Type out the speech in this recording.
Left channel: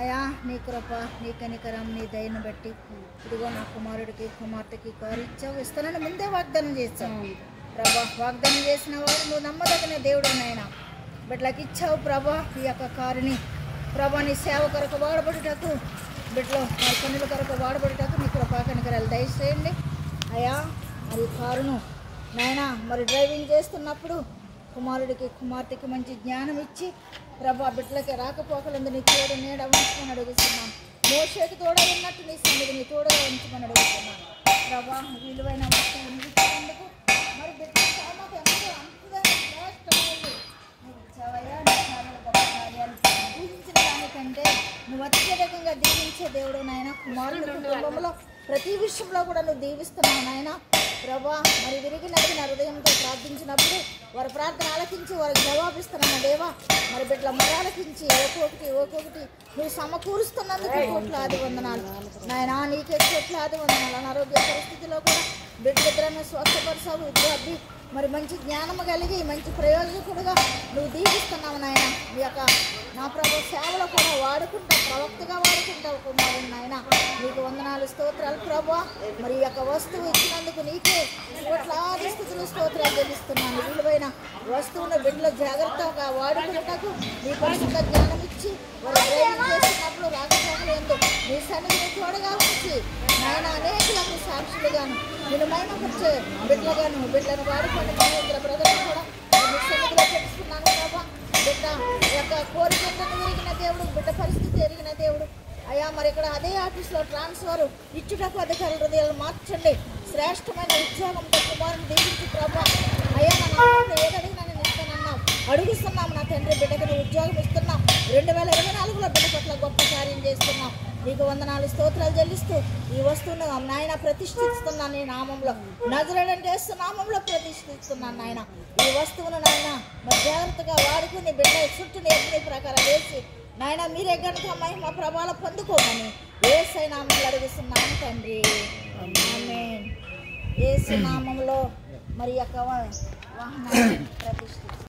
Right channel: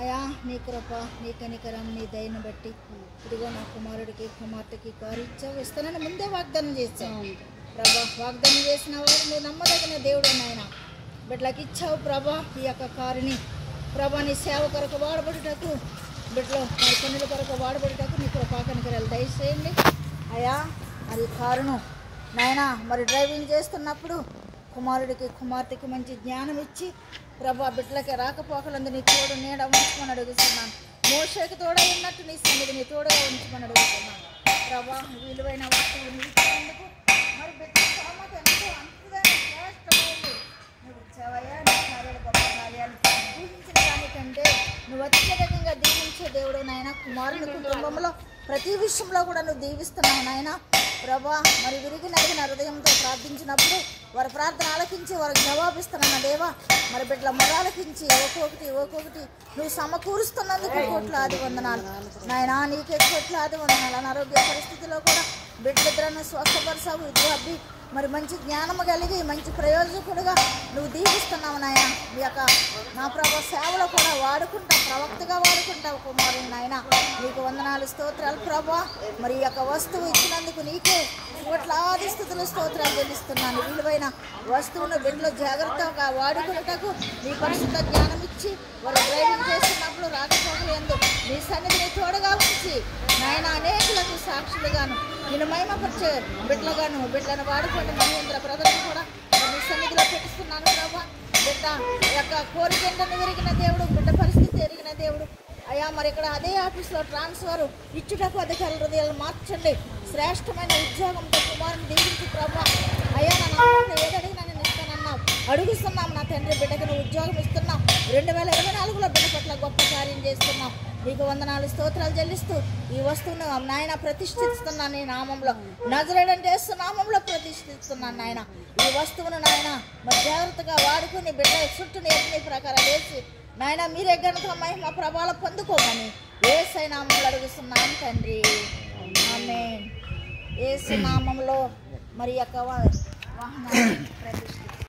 అయా నీ కృప, నీ కనికరం, నీ దయను బట్టి ఇదిగో నా కుమారుడికి కుమార్తెకి కారు ఇచ్చావు, ఇస్తానని ముందే వాగ్దానం చేశావు ప్రభా. వాగ్దానం చేసిన వాడు నువ్వు నమ్మదగిన దేవుడు నాయన. బిడ్డలకు ఇచ్చావు ప్రభా ఈ యొక్క కారుని ప్రభా. నీ సేవ కొరకు వాడబడుటకు, బిడ్డలో వారి పనుల కొరకు వాడబడుటకు నీ కృపా కనికరాలు దయచేయండి అయా. మరి కారును నాయన మరి డ్రైవింగ్ చేస్తున్నప్పుడు కుమారుడికి కుమార్తెకి మంచి జ్ఞానం ఇచ్చి ప్రభా బిడ్డలకి రాకపోకలందు నీ తోడు నీడ ఉంచుకొని అడుగుతున్నాను. మోషేకి తోడ ఉన్నట్టు నీ సన్నిధిని తోడుగా ఉంచుకొని అడుగుతున్నాను ప్రభా. విలువైన వస్తువుని ఇచ్చినందుకు మరి బిడ్డల సోమత ఎంతో అంతుదైన శ్రేష్టమైంది నువ్వు ఇచ్చావయ్యా. నీ కార్యాలు గొప్ప కార్యాలు ఊహించిన దానికంటే నువ్వు అత్యధికంగా దీవించే దేవుడు నాయన. కుమారుని కుటుంబంలో ప్రతి విషయంలో కూడా నువ్వు దీవిస్తున్నావు నాయన ప్రభా. మరి విరిగి నడిగిన హృదయంతో ప్రార్థించినప్పుడు వారి ప్రార్థన ఆలకించి వారికి జవాబిస్తున్న దేవా. మరి బిడ్డల మొరాలకించి ఒక్కొక్కటి నువ్వు సమకూరుస్తున్నందుకు కోట్లాది వందనాలు నాయన. నీకే కోట్లాది వందనాలు. అనారోగ్య పరిస్థితిలో కూడా బిడ్డలిద్దరను స్వస్థపరచావు. ఇద్దరు అబ్బి మరి మంచి జ్ఞానము కలిగి మంచి ప్రయోజకుడుగా నువ్వు దీవిస్తున్నావు నాయన. ఈ యొక్క నా ప్రభు సేవలో కూడా వాడుకుంటా, ప్రవక్తగా వాడుకుంటావు కుమారుని నాయన. నీకు వందనాలు స్తోత్రాలు ప్రభా. మరి ఈ యొక్క వస్తువు ఇచ్చినందుకు నీకే కోట్లాది స్థుతులు స్తోత్రాలు చెల్లిస్తున్నాను. విలువైన వస్తువును బిడ్డలో జాగ్రత్తగా వాడుకున్నటకు నీ పరిశుద్ధ జ్ఞానం ఇచ్చి వారు డ్రైవింగ్ చేస్తున్నప్పుడు రాకపోకలు ఎందు నీ సన్నిధిని తోడుగా ఉంచి నాయన అనేకులకు సాక్షులుగాను నేను మహిమపరిచే బిడ్డలుగాను బిడ్డలను వాడుకోండి. మహేంద్ర బ్రదర్ని కూడా నీ సన్నిధిలో పెట్టుకున్నాను ప్రభా. బిడ్డ యొక్క కోరికలను ఎరిగిన దేవుడు, బిడ్డ పరిస్థితి ఎరిగిన దేవుడు అయ్యా. మరి ఇక్కడ అదే ఆఫీస్లో ట్రాన్స్ఫర్ ఇచ్చుటకు అధికారుల హృదయాలు మార్చండి. శ్రేష్టమైన ఉద్యోగంతో కుమారుని దీవించి ప్రభా. అయ్యా నా నామంలో ఏదడిగినా నేను ఇస్తానన్నావు, అడుగుతున్నాము నా తండ్రి. బిడ్డకు నువ్వు ఉద్యోగం ఇస్తున్నావు. 2024లో బిడ్డ పట్ల గొప్ప కార్యం చేస్తున్నావు. నీకు వందనాలు స్తోత్రాలు చెల్లిస్తూ ఈ వస్తువును నాయన ప్రతిష్ఠిస్తున్నాను. నీ నామంలో నజరేయుడైన యేసు నామంలో ప్రతిష్ఠిస్తున్నాను నాయన. ఈ వస్తువును నాయన మరి జాగ్రత్తగా వాడుకుని బిడ్డ చుట్టూ ఎన్ని ప్రకారం వేసి నాయన మీరే గనుక మహిమ ప్రభావం పొందుకోమని యేసు నామంలో అడుగుతున్నాను తండ్రి. ఆమేన్. యేసు నామంలో మరి యొక్క వాహనాన్ని ప్రతిష్ఠిస్తున్నాను.